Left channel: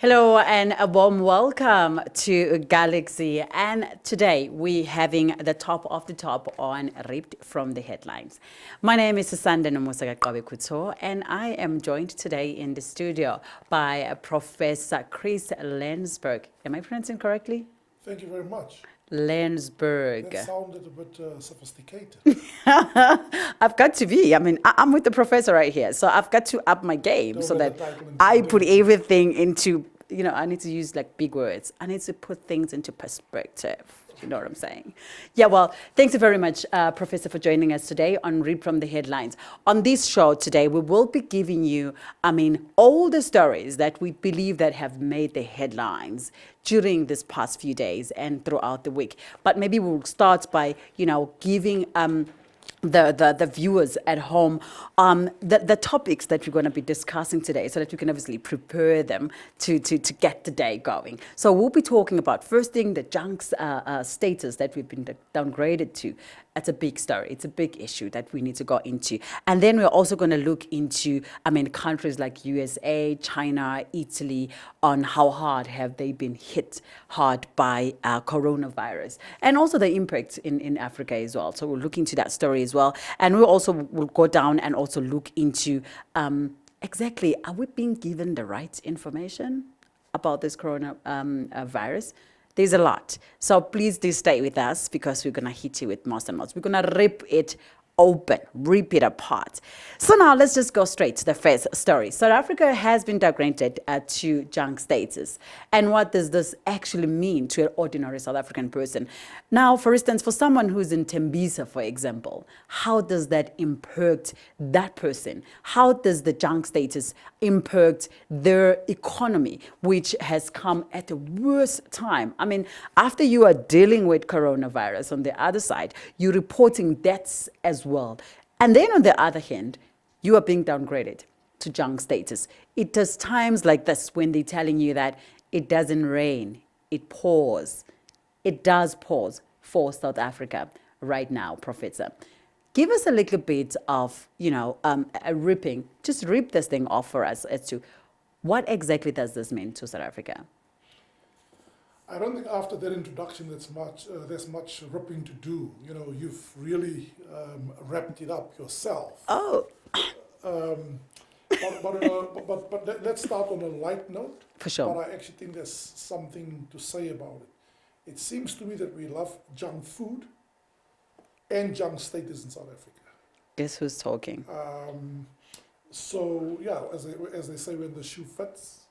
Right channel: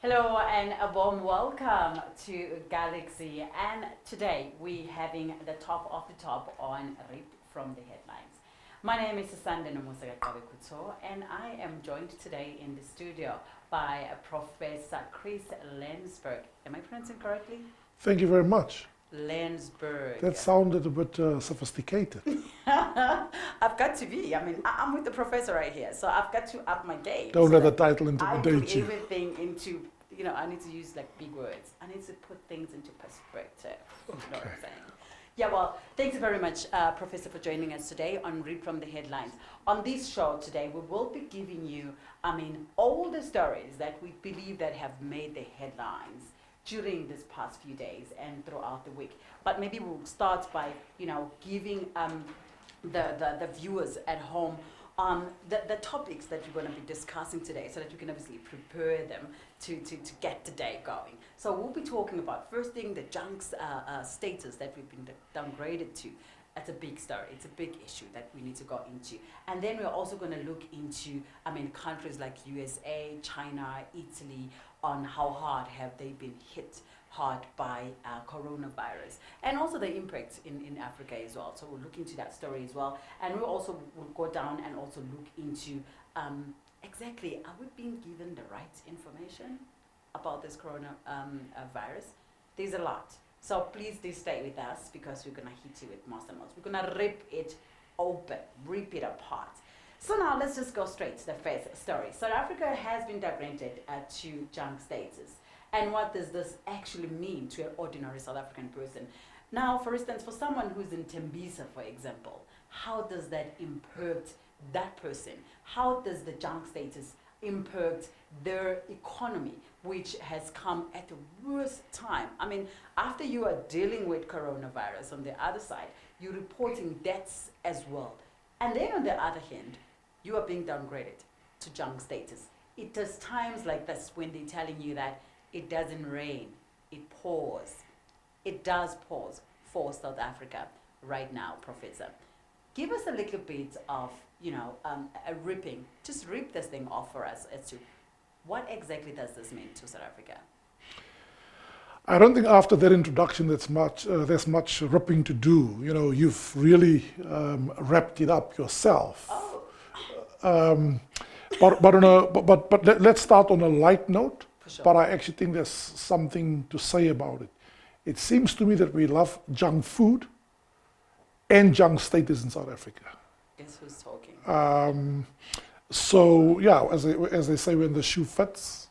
Hello and a warm welcome to Galaxy. And today we're having the top of the top on Ripped from the Headlines. My name is Sandra Nomusa Kuto, and I am joined today in the studio by Professor Chris Lensberg. Am I pronouncing correctly? Thank you very much. Lensberg. That sounded a bit sophisticated. I've got to be. I'm with the professor right here, so I've got to up my game. Don't so let that the title I put intimidate you. everything into, I need to use like big words. I need to put things into perspective. You know what I'm saying? Yeah, well, thanks very much, Professor, for joining us today on Read from the Headlines. On this show today, we will be giving you, all the stories that we believe that have made the headlines during this past few days and throughout the week. But maybe we'll start by, giving the viewers at home the topics that we're going to be discussing today so that you can obviously prepare them to get the day going. So we'll be talking about, first thing, the junk's status that we've been downgraded to. It's a big story. It's a big issue that we need to go into. And then we're also going to look into, countries like USA, China, Italy, on how hard have they been hit hard by coronavirus, and also the impact in Africa as well. So we'll look into that story as well. And we also will go down and also look into exactly, are we being given the right information about this coronavirus? There's a lot. So please do stay with us because we're going to hit you with most and most. We're going to rip it open, rip it apart. So now let's just go straight to the first story. South Africa has been downgraded to junk status. And what does this actually mean to an ordinary South African person? Now, for instance, for someone who's in Tembisa, for example, how does that impact that person? How does the junk status impact their economy, which has come at the worst time? After you are dealing with coronavirus, on the other side, you're reporting deaths as well. And then on the other hand, you are being downgraded to junk status. It is times like this when they're telling you that it doesn't rain, it pours. It does pause for South Africa right now, Professor. Give us a little bit of, a ripping, just rip this thing off for us as to what exactly does this mean to South Africa? I don't think after that introduction there's much ripping to do. You've really wrapped it up yourself. Oh. But let's start on a light note. For sure. But I actually think there's something to say about it. It seems to me that we love junk food and junk status in South Africa. Guess who's talking? So yeah, as they say, when the shoe fits,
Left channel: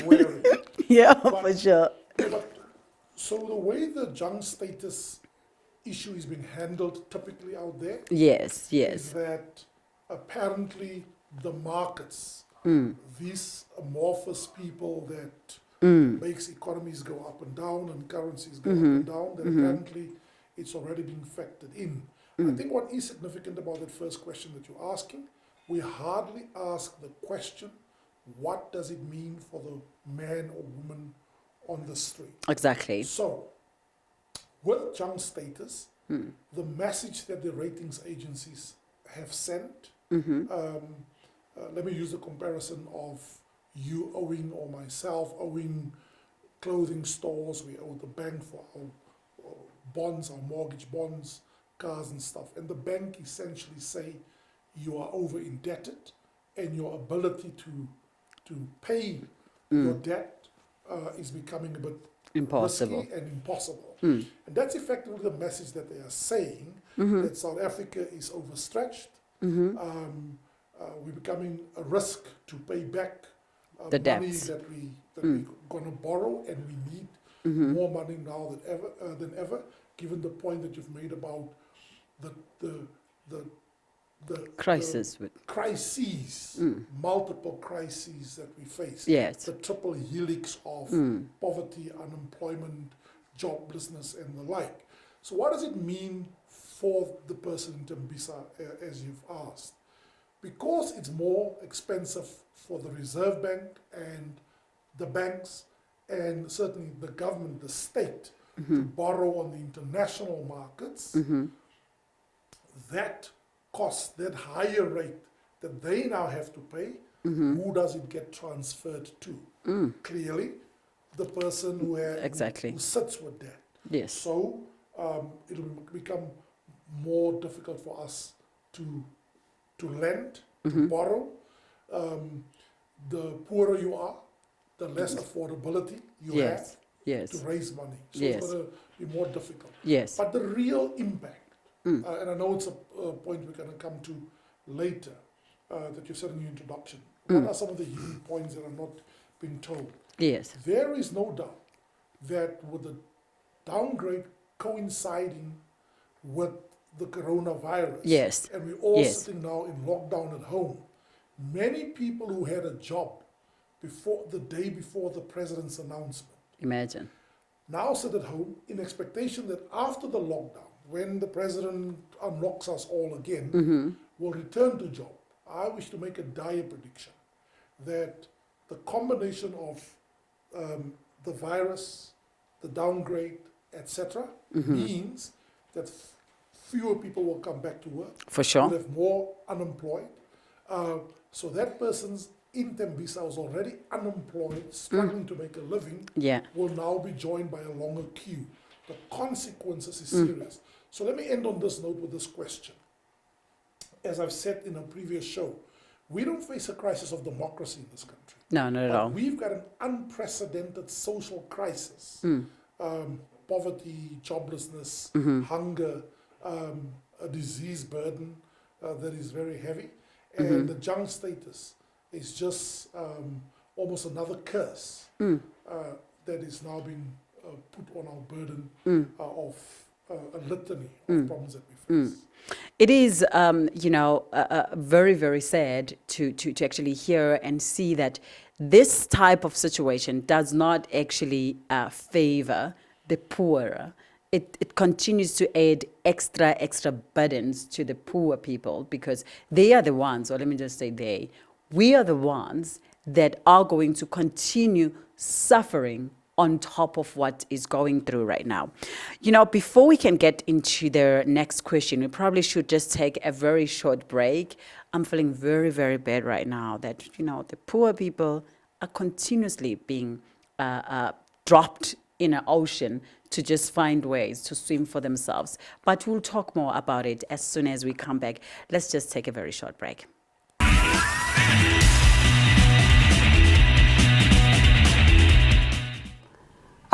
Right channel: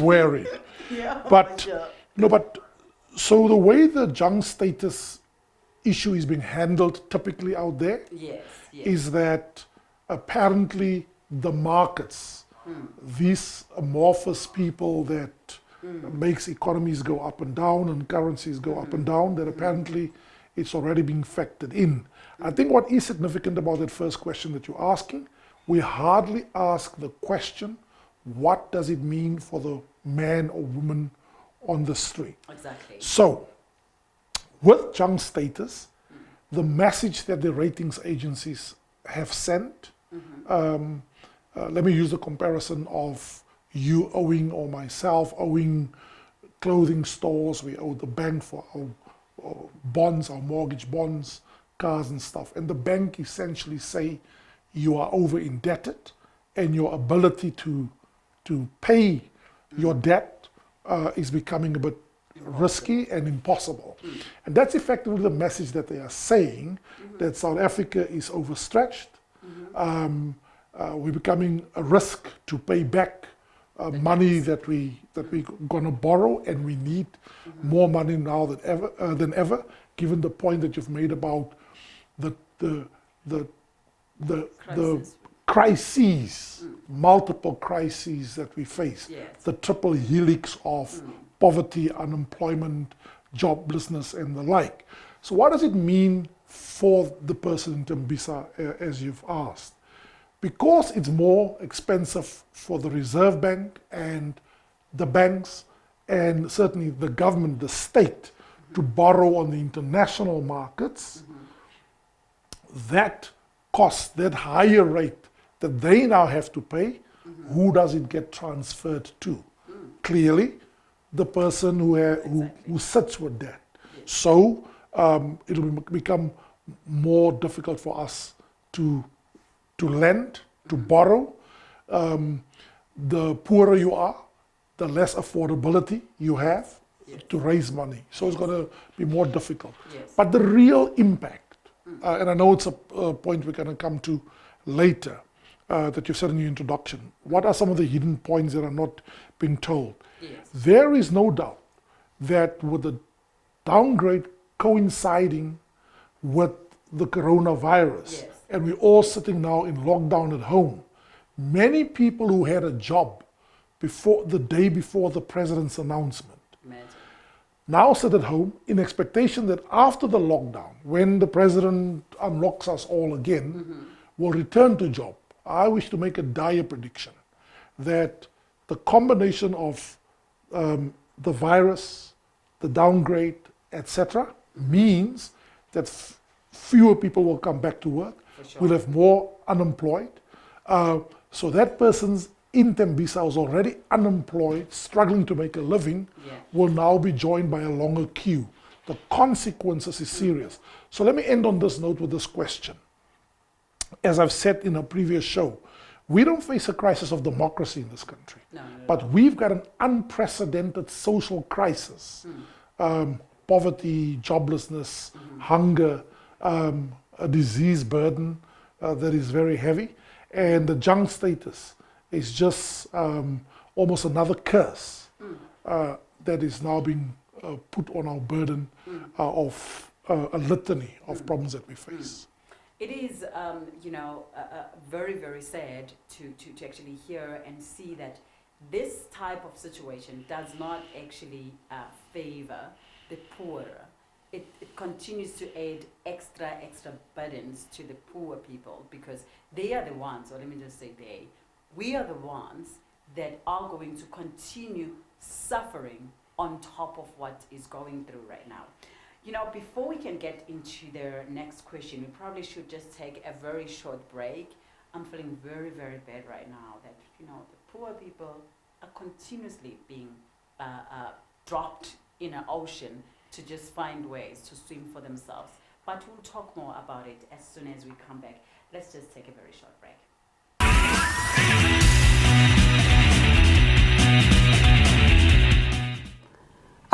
wear it. Yeah, but, for sure. No, but so the way the junk status issue is being handled typically out there, Yes. is that apparently the markets, these amorphous people that makes economies go up and down and currencies go up and down, that apparently it's already being factored in. I think what is significant about that first question that you're asking, we hardly ask the question, what does it mean for the man or woman on the street? Exactly. So, with junk status, the message that the ratings agencies have sent, let me use the comparison of you owing or myself owing clothing stores, we owe the bank for our bonds, our mortgage bonds, cars and stuff. And the bank essentially say you are over indebted and your ability to pay your debt is becoming a bit risky and impossible. And that's effectively the message that they are saying, that South Africa is overstretched. We're becoming a risk to pay back money debts. that we're going to borrow, and we need more money now than ever, given the point that you've made about the crises, multiple crises that we face. Yes. The triple helix of poverty, unemployment, joblessness, and the like. So what does it mean for the person in Tembisa, as you've asked? Because it's more expensive for the Reserve Bank and the banks and certainly the government, the state, to borrow on the international markets, that cost, that higher rate that they now have to pay, who does it get transferred to? clearly the person who, Exactly. who sits with that. Yes. So it will become more difficult for us to lend, to borrow. The poorer you are, the less affordability you Yes. have Yes. to raise money. So Yes. it's going to be more difficult. Yes. But the real impact, and I know it's a point we're going to come to later, that you said in your introduction, what are some of the hidden points that are not being told? Yes. There is no doubt that with the downgrade coinciding with the coronavirus, Yes. and we're all Yes. sitting now in lockdown at home, many people who had a job before the day before the president's announcement Imagine. now sit at home in expectation that after the lockdown, when the president unlocks us all again, we'll return to job. I wish to make a dire prediction that the combination of the virus, the downgrade, etc., means that fewer people will come back to work. For sure. We'll have more unemployed. So that person's in Tembisa who's already unemployed, struggling to make a living, Yeah. will now be joined by a longer queue. The consequences is serious. So let me end on this note with this question. As I've said in a previous show, we don't face a crisis of democracy in this country. No, not at But all. we've got an unprecedented social crisis. Poverty, joblessness, hunger, a disease burden that is very heavy. And the junk status is just almost another curse that is now being put on our burden of a litany of problems that we face. It is, very, very sad to actually hear and see that this type of situation does not actually favor the poorer. It continues to add extra burdens to the poor people because they are the ones, or let me just say we are the ones that are going to continue suffering on top of what is going through right now. Before we can get into the next question, we probably should just take a very short break. I'm feeling very, very bad right now that, the poor people are continuously being dropped in an ocean to just find ways to swim for themselves. But we'll talk more about it as soon as we come back. Let's just take a very short break.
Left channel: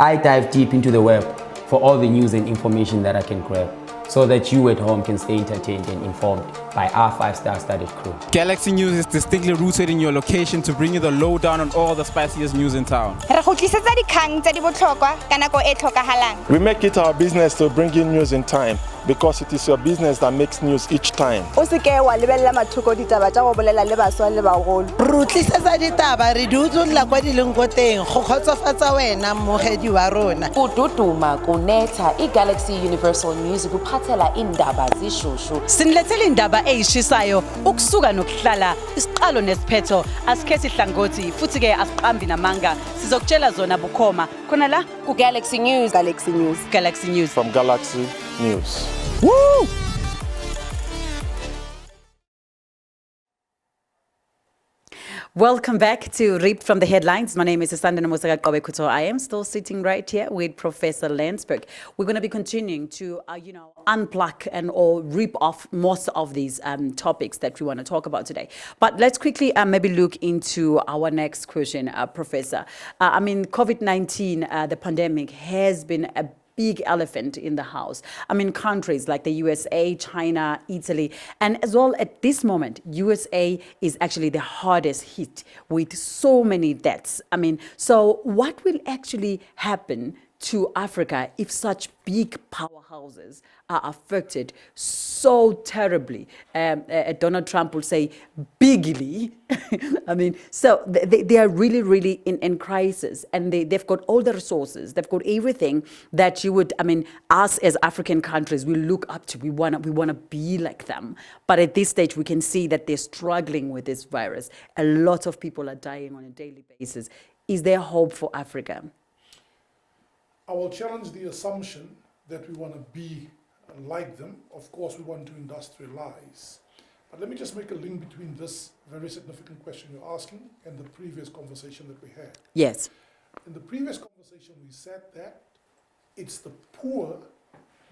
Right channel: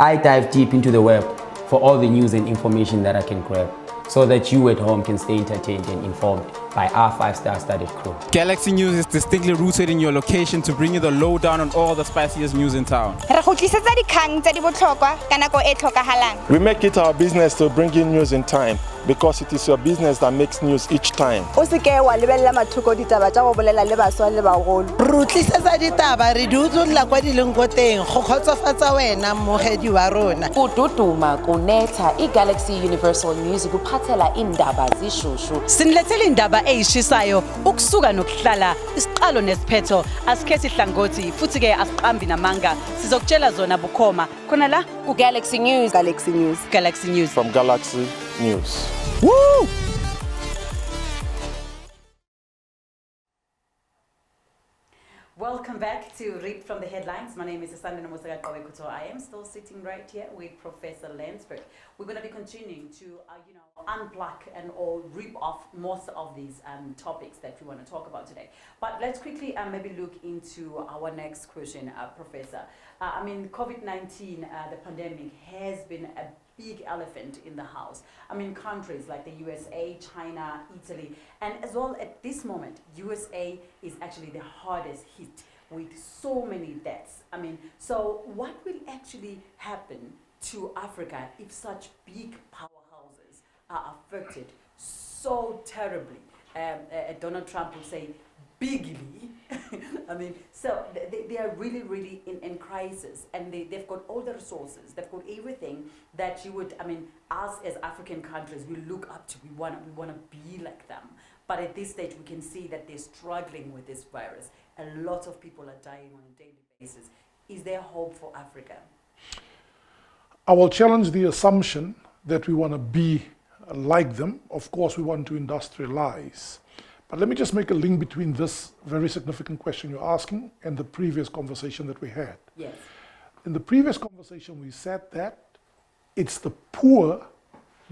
I dive deep into the web for all the news and information that I can grab, so that you at home can stay entertained and informed by our 5-star studded crew. Galaxy News is distinctly rooted in your location to bring you the lowdown on all the spiciest news in town. Re go tlisetsa dikgang tse di botlhokwa ka nako e tlhokagalang. We make it our business to bring in news in time because it is your business that makes news each time. O se ke wa lebella mathoko ditaba tsa go bolela le baswa le bagolo. Re tlisetsa ditaba re di utlwela kwa di leng go teng go kgotsofatsa wena mogedi wa rona. Kududuma kunetha iGalaxy Universal News kuphathela indaba zishushu. Sinilethele indaba eyishisayo ukusuka nokuhlala isiqalo nesiphetho asikhethi ihlangothi futhi ke asiqambi namanga sizokutshela zona bukhoma khona la Galaxy News. Galaxy News. Galaxy News. From Galaxy News. Woo! Welcome back to Read from the Headlines. My name is Sandana Mosaka Kuto. I am still sitting right here with Professor Landsberg. We're going to be continuing to, unplug and or rip off most of these topics that we want to talk about today. But let's quickly maybe look into our next question, Professor. COVID-19, the pandemic has been a big elephant in the house. Countries like the USA, China, Italy, and as well at this moment, USA is actually the hardest hit with so many deaths. So what will actually happen to Africa if such big powerhouses are affected so terribly? Donald Trump will say bigly. So they are really, really in crisis, and they've got all the resources. They've got everything that you would, us as African countries, we look up to. We want to be like them. But at this stage, we can see that they're struggling with this virus. A lot of people are dying on a daily basis. Is there hope for Africa? I will challenge the assumption that we want to be like them. Of course, we want to industrialize. But let me just make a link between this very significant question you're asking and the previous conversation that we had. Yes. In the previous conversation, we said that it's the poor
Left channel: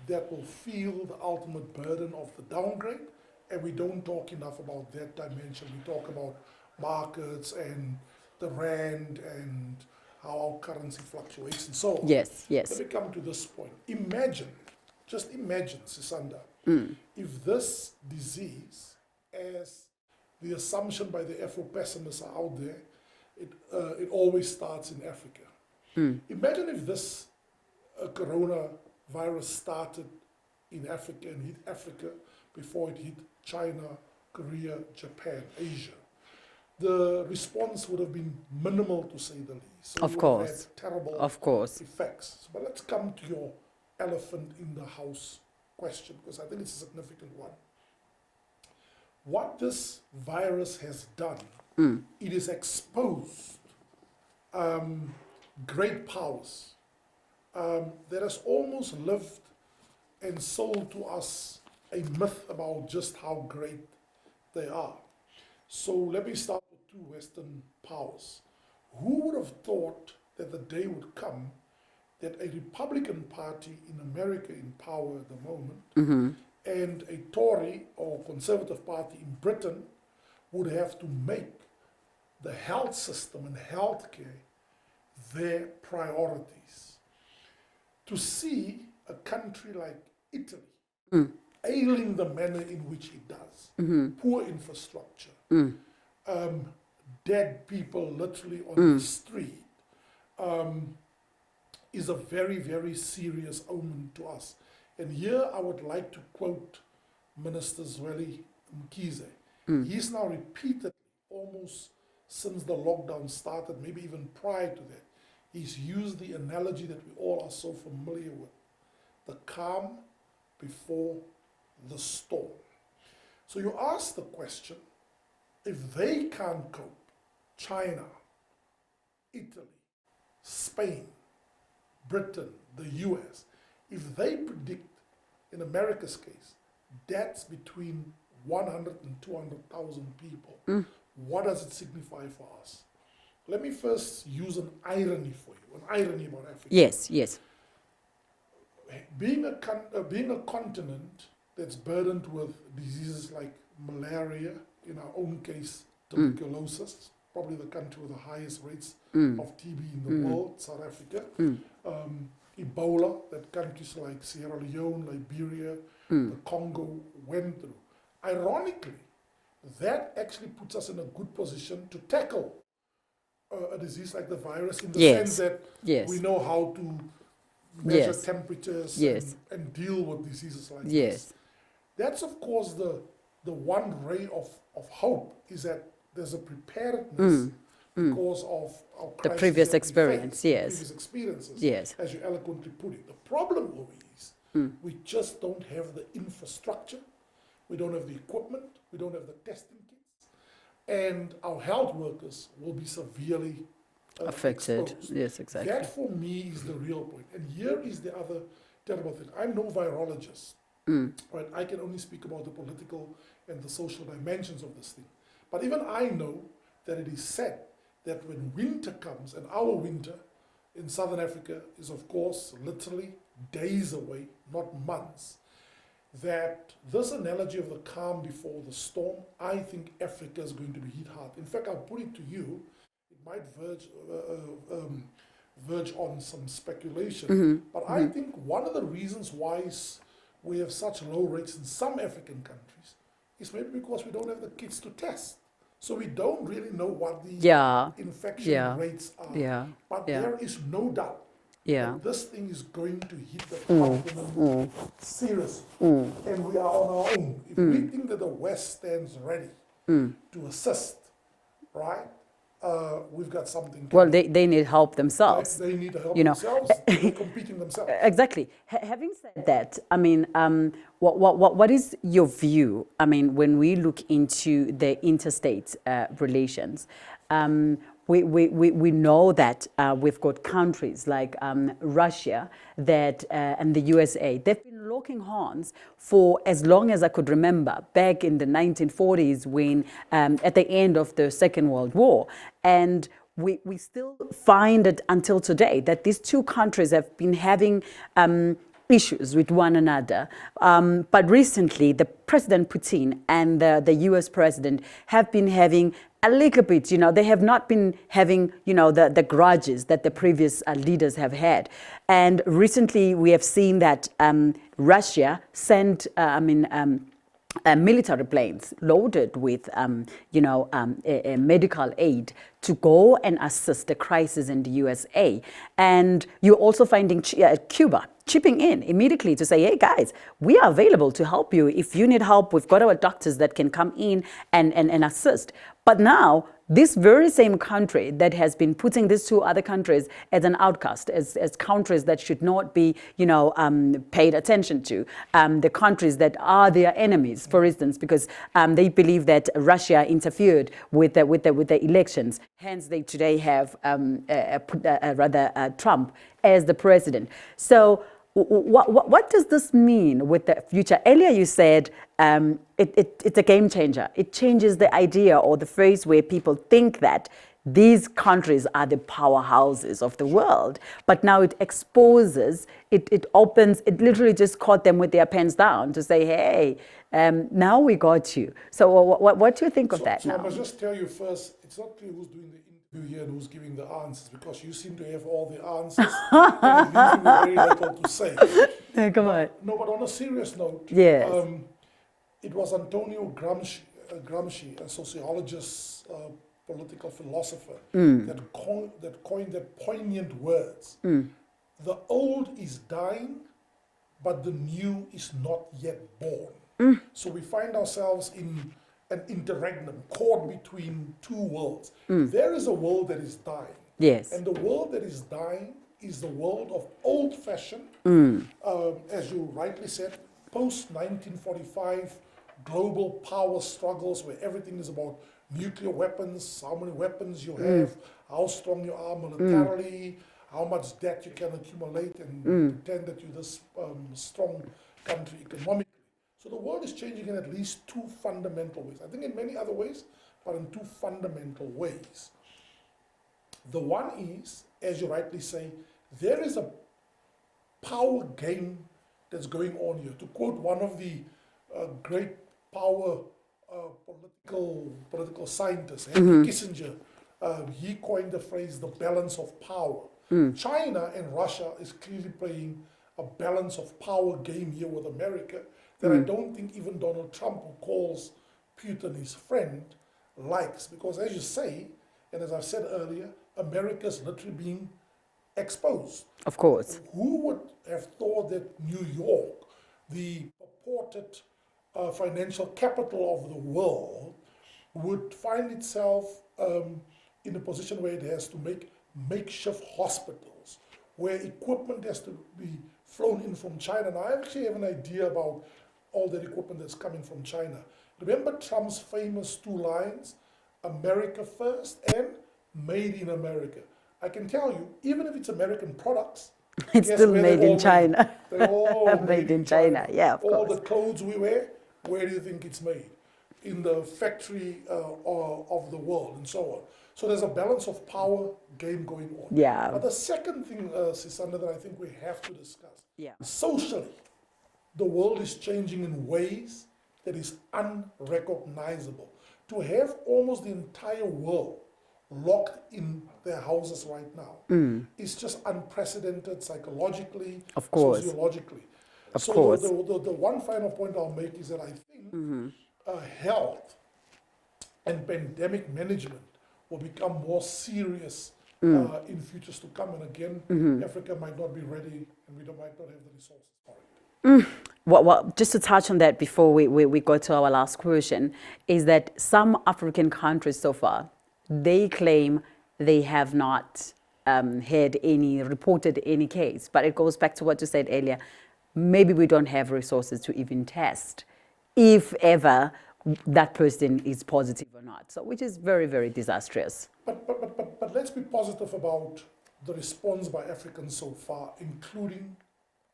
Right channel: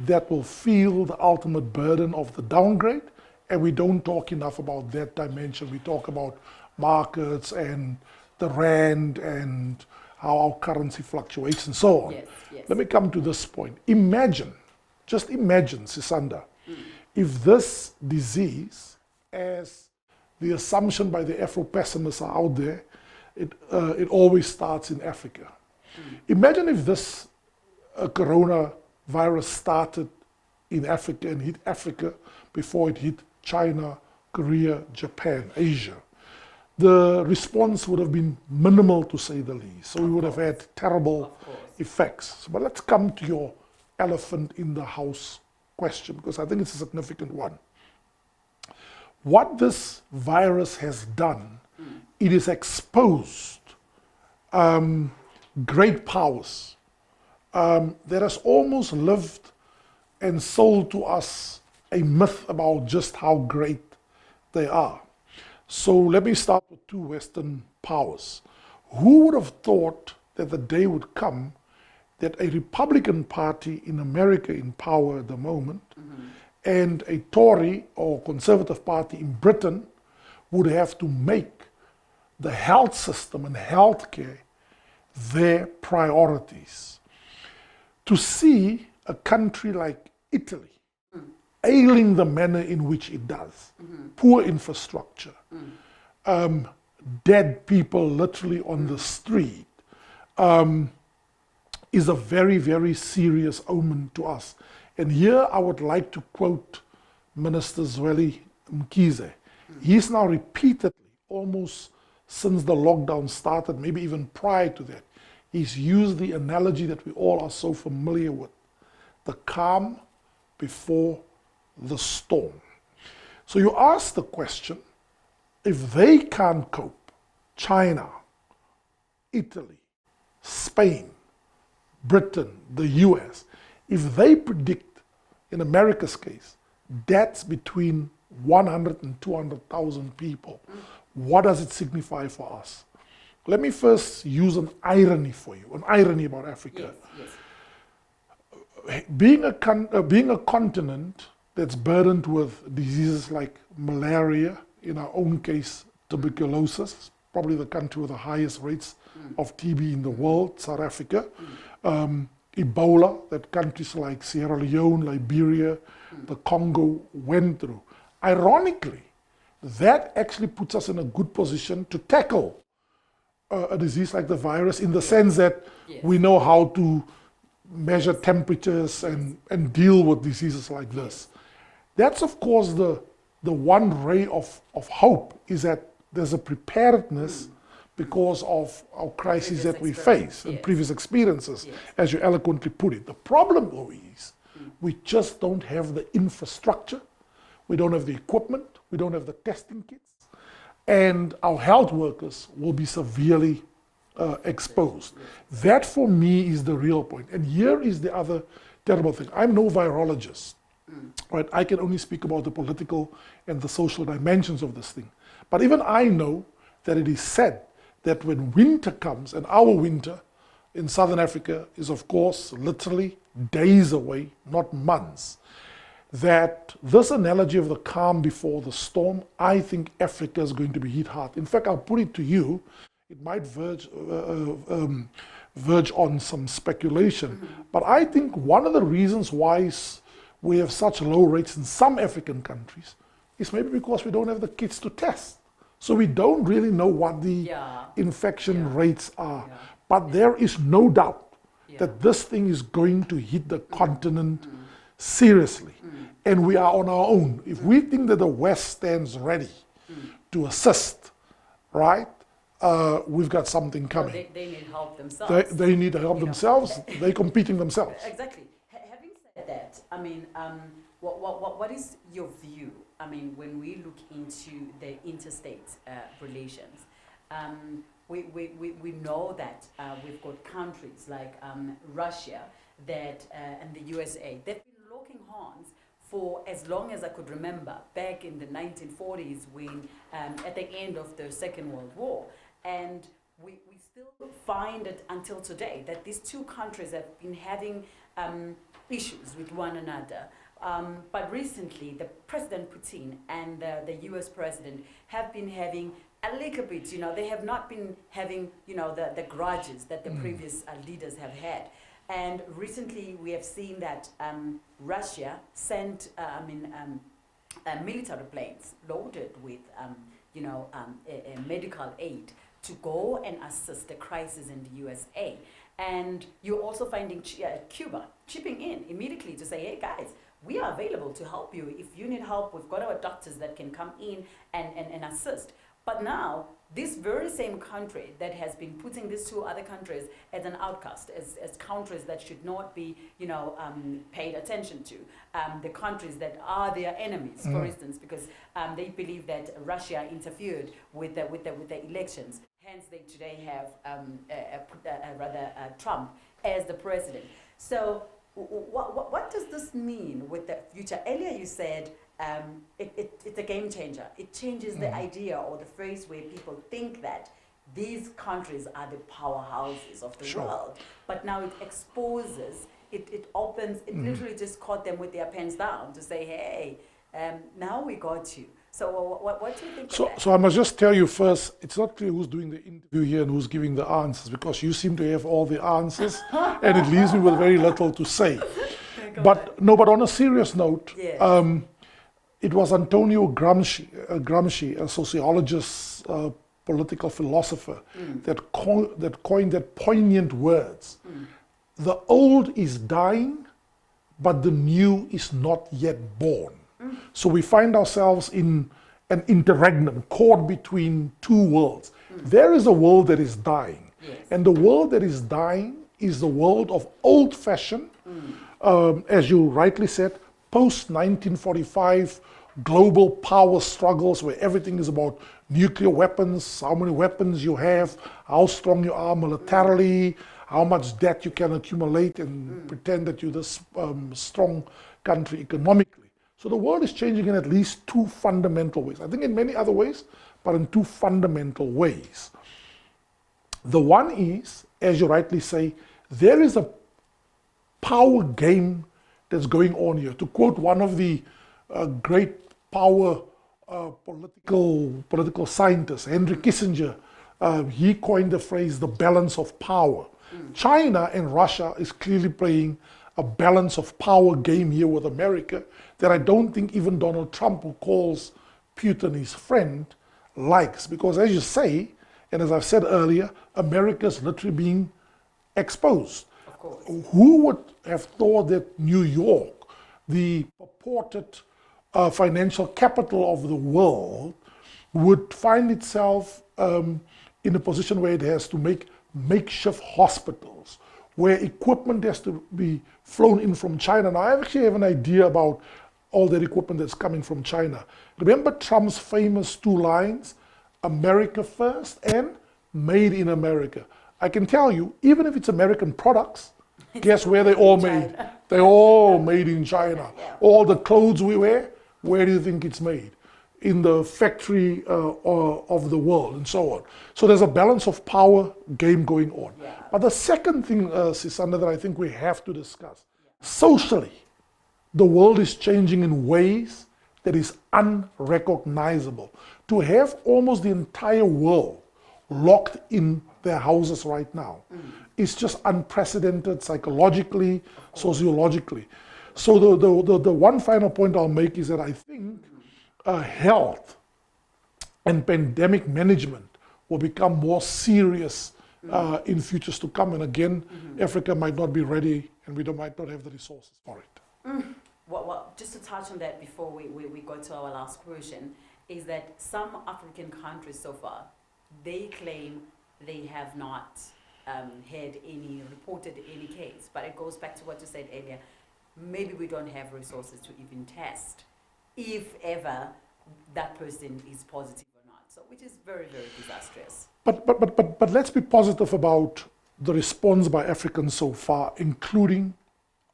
that will feel the ultimate burden of the downgrade, and we don't talk enough about that dimension. We talk about markets and the rand and how our currency fluctuates and so on. Yes, yes. Let me come to this point. Imagine, just imagine, Sisanda, if this disease, as the assumption by the Afro-pessimists are out there, it always starts in Africa. Imagine if this coronavirus started in Africa and hit Africa before it hit China, Korea, Japan, Asia. The response would have been minimal, to say the least. So we would have had terrible effects. But let's come to your elephant in the house question, because I think it's a significant one. What this virus has done, it has exposed great powers that has almost lived and sold to us a myth about just how great they are. So let me start with two Western powers. Who would have thought that the day would come that a Republican Party in America in power at the moment and a Tory or Conservative Party in Britain would have to make the health system and healthcare their priorities? To see a country like Italy ailing the manner in which it does, poor infrastructure, dead people literally on the street, is a very, very serious omen to us. And here I would like to quote Minister Zweli Mkhize. He's now repeatedly, almost since the lockdown started, maybe even prior to that, he's used the analogy that we all are so familiar with, the calm before the storm. So you ask the question, if they can't cope, China, Italy, Spain, Britain, the US, if they predict, in America's case, deaths between 100 and 200,000 people, what does it signify for us? Let me first use an irony for you, an irony about Africa. Yes, yes. Being a continent that's burdened with diseases like malaria, in our own case, tuberculosis, probably the country with the highest rates of TB in the world, South Africa, Ebola, that countries like Sierra Leone, Liberia, the Congo went through. Ironically, that actually puts us in a good position to tackle a disease like the virus, in the sense that we know how to measure temperatures and deal with diseases like this. That's, of course, the one ray of hope, is that there's a preparedness because of our crises that we face, and previous experiences, as you eloquently put it. The problem, though, is we just don't have the infrastructure, we don't have the equipment, we don't have the testing kits, and our health workers will be severely exposed. Yes, exactly. That, for me, is the real point. And here is the other terrible thing. I'm no virologist, right? I can only speak about the political and the social dimensions of this thing. But even I know that it is said that when winter comes, and our winter in Southern Africa is, of course, literally days away, not months, that this analogy of the calm before the storm, I think Africa is going to be hit hard. In fact, I'll put it to you, it might verge on some speculation, but I think one of the reasons why we have such low rates in some African countries is maybe because we don't have the kits to test. So we don't really know what the infection rates are. But there is no doubt that this thing is going to hit the continent seriously. And we are on our own. If we think that the West stands ready to assist, right, we've got something coming. Well, they need help themselves. They need help themselves. They're competing themselves. Exactly. Having said that, I mean, what is your view? I mean, when we look into the interstate relations, we know that we've got countries like Russia that and the USA. They've been locking horns for as long as I could remember, back in the 1940s, when at the end of the Second World War, and we still find it until today that these two countries have been having issues with one another. But recently, the President Putin and the US President have been having a little bit, they have not been having, the grudges that the previous leaders have had. And recently, we have seen that Russia sent, military planes loaded with, medical aid to go and assist the crisis in the USA. And you're also finding Cuba chipping in immediately to say, hey guys, we are available to help you. If you need help, we've got our doctors that can come in and assist. But now, this very same country that has been putting these two other countries as an outcast, as countries that should not be, paid attention to, the countries that are their enemies, for instance, because they believe that Russia interfered with the elections. Hence, they today have Trump as the president. So, what does this mean with the future? Earlier, you said it's a game changer. It changes the idea or the phrase where people think that these countries are the powerhouses of the world. But now it exposes, it opens, it literally just caught them with their pens down to say, hey, now we got you. So what do you think of that? So I must just tell you first, it's not clear who's doing the interview here and who's giving the answers, because you seem to have all the answers and it leaves me with very little to say. Yeah, but on a serious note, yes. It was Antonio Gramsci, a sociologist, political philosopher, that coined that poignant words. The old is dying, but the new is not yet born. So we find ourselves in an interregnum, caught between two worlds. There is a world that is dying. Yes. And the world that is dying is the world of old-fashioned, as you rightly said, post-1945 global power struggles where everything is about nuclear weapons, how many weapons you have, how strong you are militarily, how much debt you can accumulate and pretend that you're this strong country economically. So the world is changing in at least two fundamental ways. I think in many other ways, but in two fundamental ways. The one is, as you rightly say, there is a power game that's going on here. To quote one of the great power political scientists, Henry Kissinger, he coined the phrase, the balance of power. China and Russia is clearly playing a balance of power game here with America that I don't think even Donald Trump, who calls Putin his friend, likes. Because as you say, and as I've said earlier, America's literally being exposed. Of course. Who would have thought that New York, the purported financial capital of the world, would find itself in a position where it has to make makeshift hospitals, where equipment has to be flown in from China. Now, I actually have an idea about all that equipment that's coming from China. Remember Trump's famous two lines, America first and made in America. I can tell you, even if it's American products, guess where they all made? They're all made in China. Yeah, all the clothes we wear, where do you think it's made? In the factory of the world and so on. So there's a balance of power game going on. Yeah. But the second thing, Sisanda, that I think we have to discuss, socially, the world is changing in ways that is unrecognizable. To have almost the entire world locked in their houses right now is just unprecedented psychologically, sociologically. So the one final point I'll make is that I think health and pandemic management will become more serious in futures to come. And again, Africa might not be ready and we might not have the resources for it. Well, just to touch on that before we go to our last question, is that some African countries so far, they claim they have not reported any case. But it goes back to what you said earlier. Maybe we don't have resources to even test, if ever that person is positive or not. So, which is very, very disastrous. But let's be positive about the response by Africans so far, including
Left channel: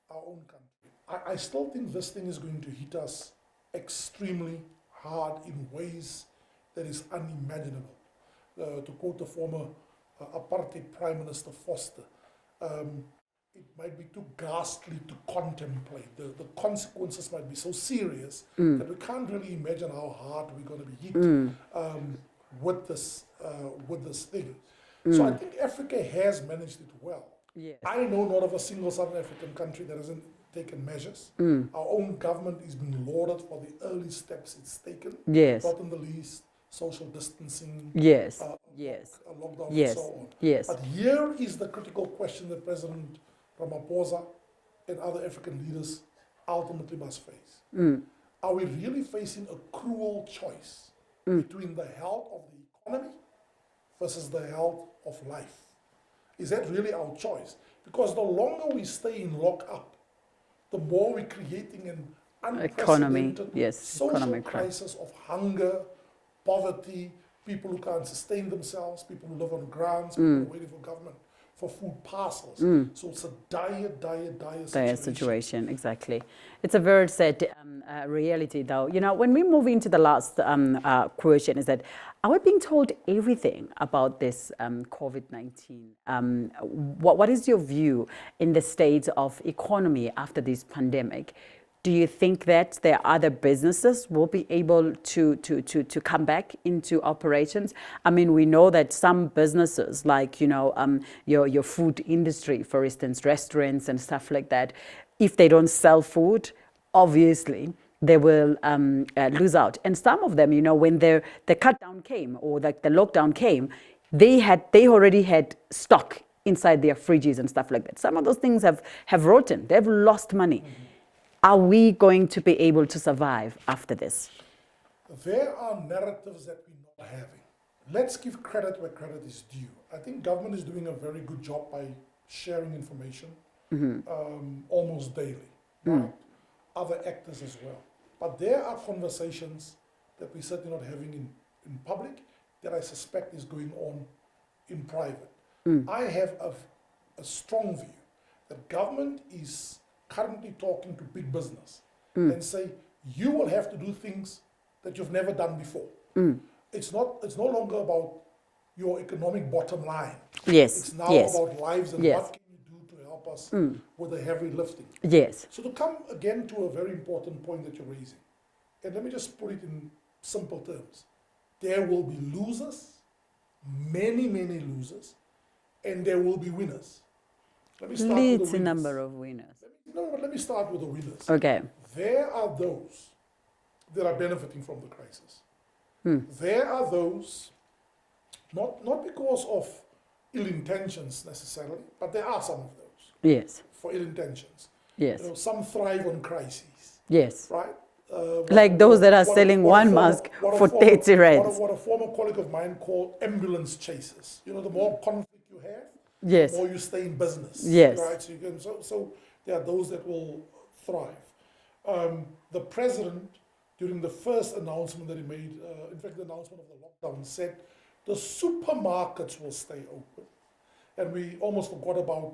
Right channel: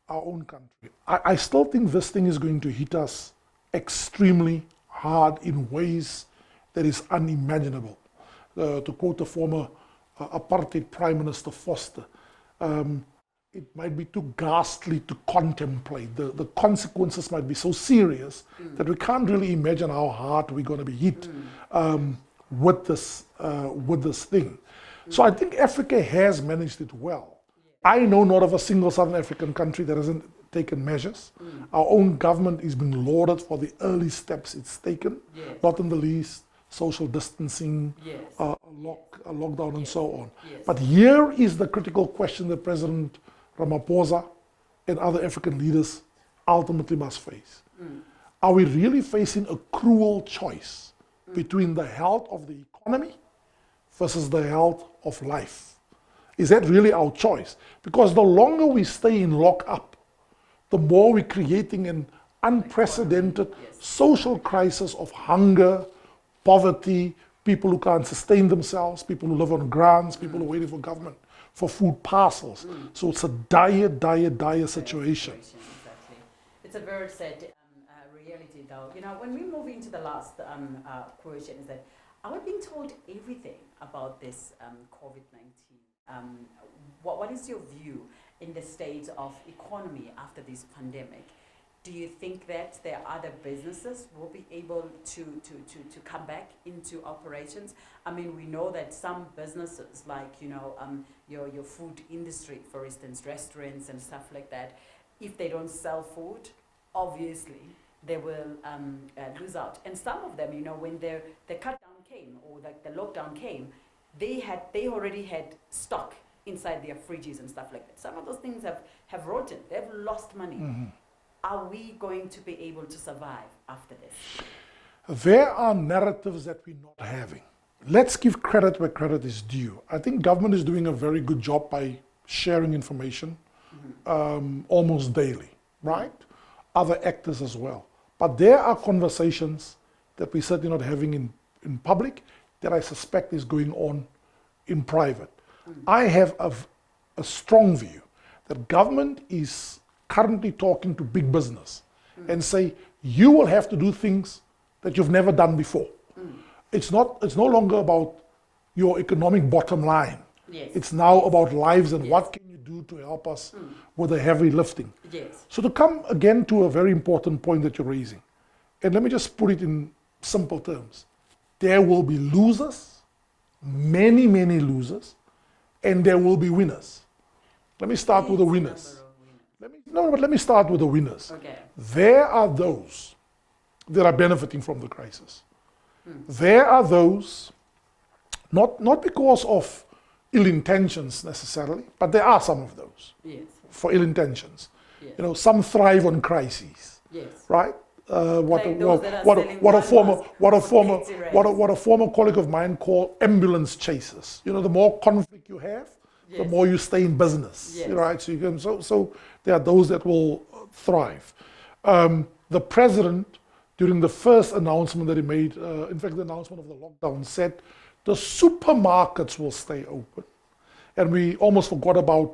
our own country. I still think this thing is going to hit us extremely hard in ways that is unimaginable. To quote the former apartheid Prime Minister Foster, it might be too ghastly to contemplate. The consequences might be so serious that we can't really imagine how hard we're going to be hit with this thing. So I think Africa has managed it well. Yeah. I know not of a single Southern African country that hasn't taken measures. Our own government is being lauded for the early steps it's taken, Yes. not in the least social distancing, Yes. a lockdown, and Yes. so on. Yes. But here is the critical question that President Ramaphosa and other African leaders ultimately must face. Are we really facing a cruel choice between the health of the economy versus the health of life? Is that really our choice? Because the longer we stay in lockup, the more we're creating an unprecedented yes, social economic crisis of hunger, poverty, people who can't sustain themselves, people who live on grants, people who are waiting for government for food parcels. So it's a dire situation. Exactly. It's a very sad reality, though. You know, when we move into the last question, is that are we being told everything about this COVID-19? What is your view in the state of economy after this pandemic? Do you think that there are other businesses will be able to come back into operations? I mean, we know that some businesses, like, you know, your food industry, for instance, restaurants and stuff like that, if they don't sell food, obviously they will lose out. And some of them, you know, when the cut down came or like the lockdown came, they already had stock inside their fridges and stuff like that. Some of those things have rotten. They've lost money. Are we going to be able to survive after this? There are narratives that we're not having. Let's give credit where credit is due. I think government is doing a very good job by sharing information almost daily, right? Other actors as well. But there are conversations that we're certainly not having in public that I suspect is going on in private. I have a strong view that government is currently talking to big business and say, you will have to do things that you've never done before. It's no longer about your economic bottom line. Yes. It's now yes. about lives and Yes. what can you do to help us with the heavy lifting. Yes. So to come again to a very important point that you're raising, and let me just put it in simple terms. There will be losers, many, many losers, and there will be winners. Let me start with the Leads a winners. number of winners. Let me start with the winners. Okay. There are those that are benefiting from the crisis. There are those, not because of ill intentions necessarily, but there are some of those Yes. for ill intentions. Yes. You know, some thrive on crises, Yes. right? Like those that are selling one mask for 30 rands. What a former colleague of mine called ambulance chasers. You know, the more conflict you have, Yes. the more you stay in business. Yes. Right? So, so there are those that will thrive. The president, during the first announcement that he made, in fact, the announcement of the lockdown, said the supermarkets will stay open. And we almost forgot about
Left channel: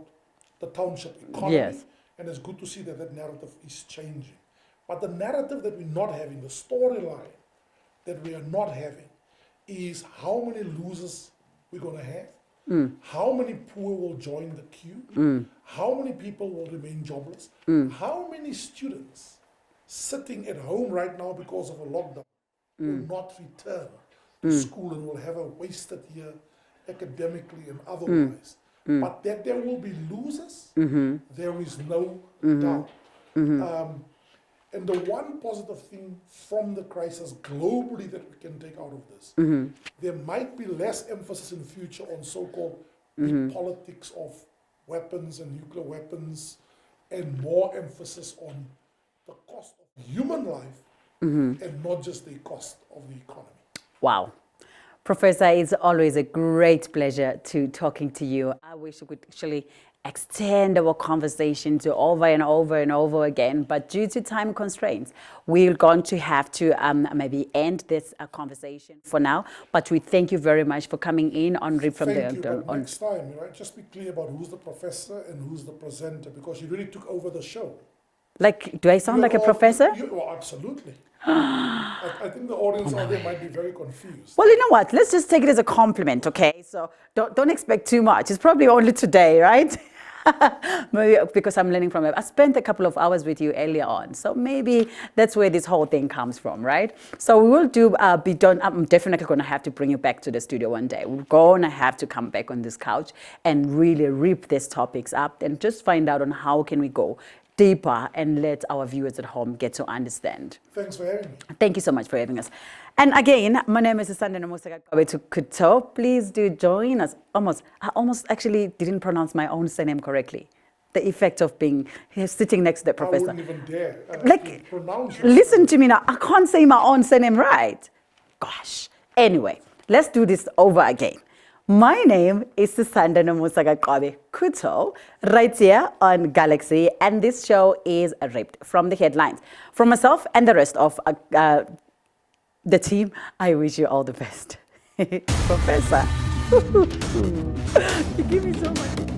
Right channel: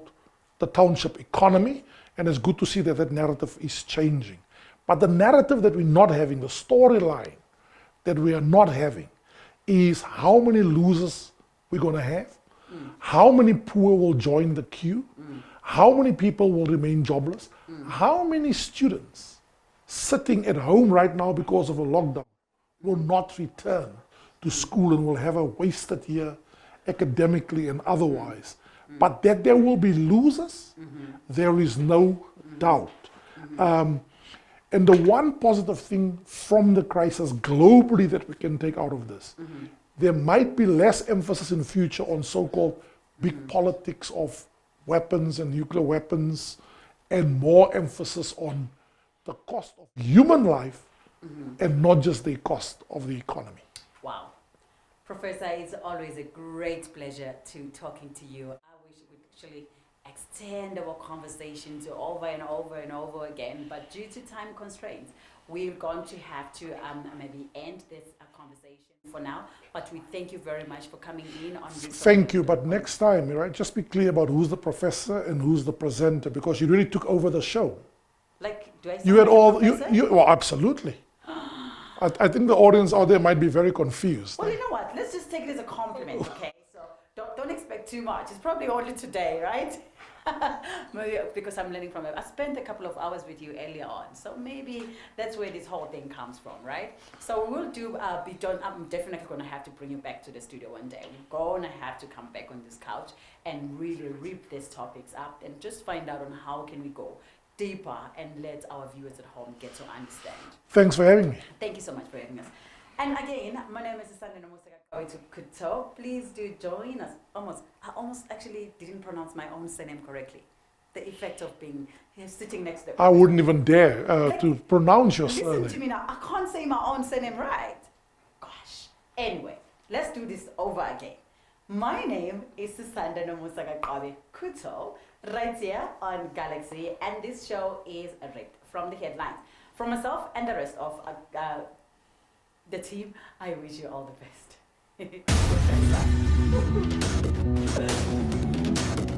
the township economy. Yes. And it's good to see that that narrative is changing. But the narrative that we're not having, the storyline that we are not having, is how many losers we're going to have, how many poor will join the queue, how many people will remain jobless, how many students sitting at home right now because of a lockdown will not return to school and will have a wasted year academically and otherwise. But that there will be losers, there is no doubt. And the one positive thing from the crisis globally that we can take out of this, there might be less emphasis in future on so-called big politics of weapons and nuclear weapons, and more emphasis on the cost of human life and not just the cost of the economy. Wow. Professor, it's always a great pleasure to talking to you. I wish we could actually extend our conversation to over and over and over again, but due to time constraints, we're going to have to maybe end this conversation for now. But we thank you very much for coming in on Rip from Thank the- you, the- but on- next time, right, just be clear about who's the professor and who's the presenter, because you really took over the show. Like, do I sound You like had a all- professor? well, absolutely. I think the audience out there might be very confused. Well, you know what? Let's just take it as a compliment, okay? So don't expect too much. It's probably only today, right? Maybe because I'm learning from it. I spent a couple of hours with you earlier on, so maybe that's where this whole thing comes from, right? So we will do be done. I'm definitely going to have to bring you back to the studio one day. We're going to have to come back on this couch and really rip these topics up and just find out on how can we go deeper and let our viewers at home get to understand. Thanks for having me. Thank you so much for having us. And again, my name is Sandana Musaka. Please do join us. I almost actually didn't pronounce my own surname correctly. The effect of being here sitting next to the I professor. wouldn't even dare Like, to pronounce your Listen surname. to me now. I can't say my own surname right. Gosh. Anyway, let's do this over again. My name is Sandana Musaka Kuto, right here on Galaxy, and this show is Ripped from the Headlines. From myself and the rest of the team, I wish you all the best. Professor. You give me so much.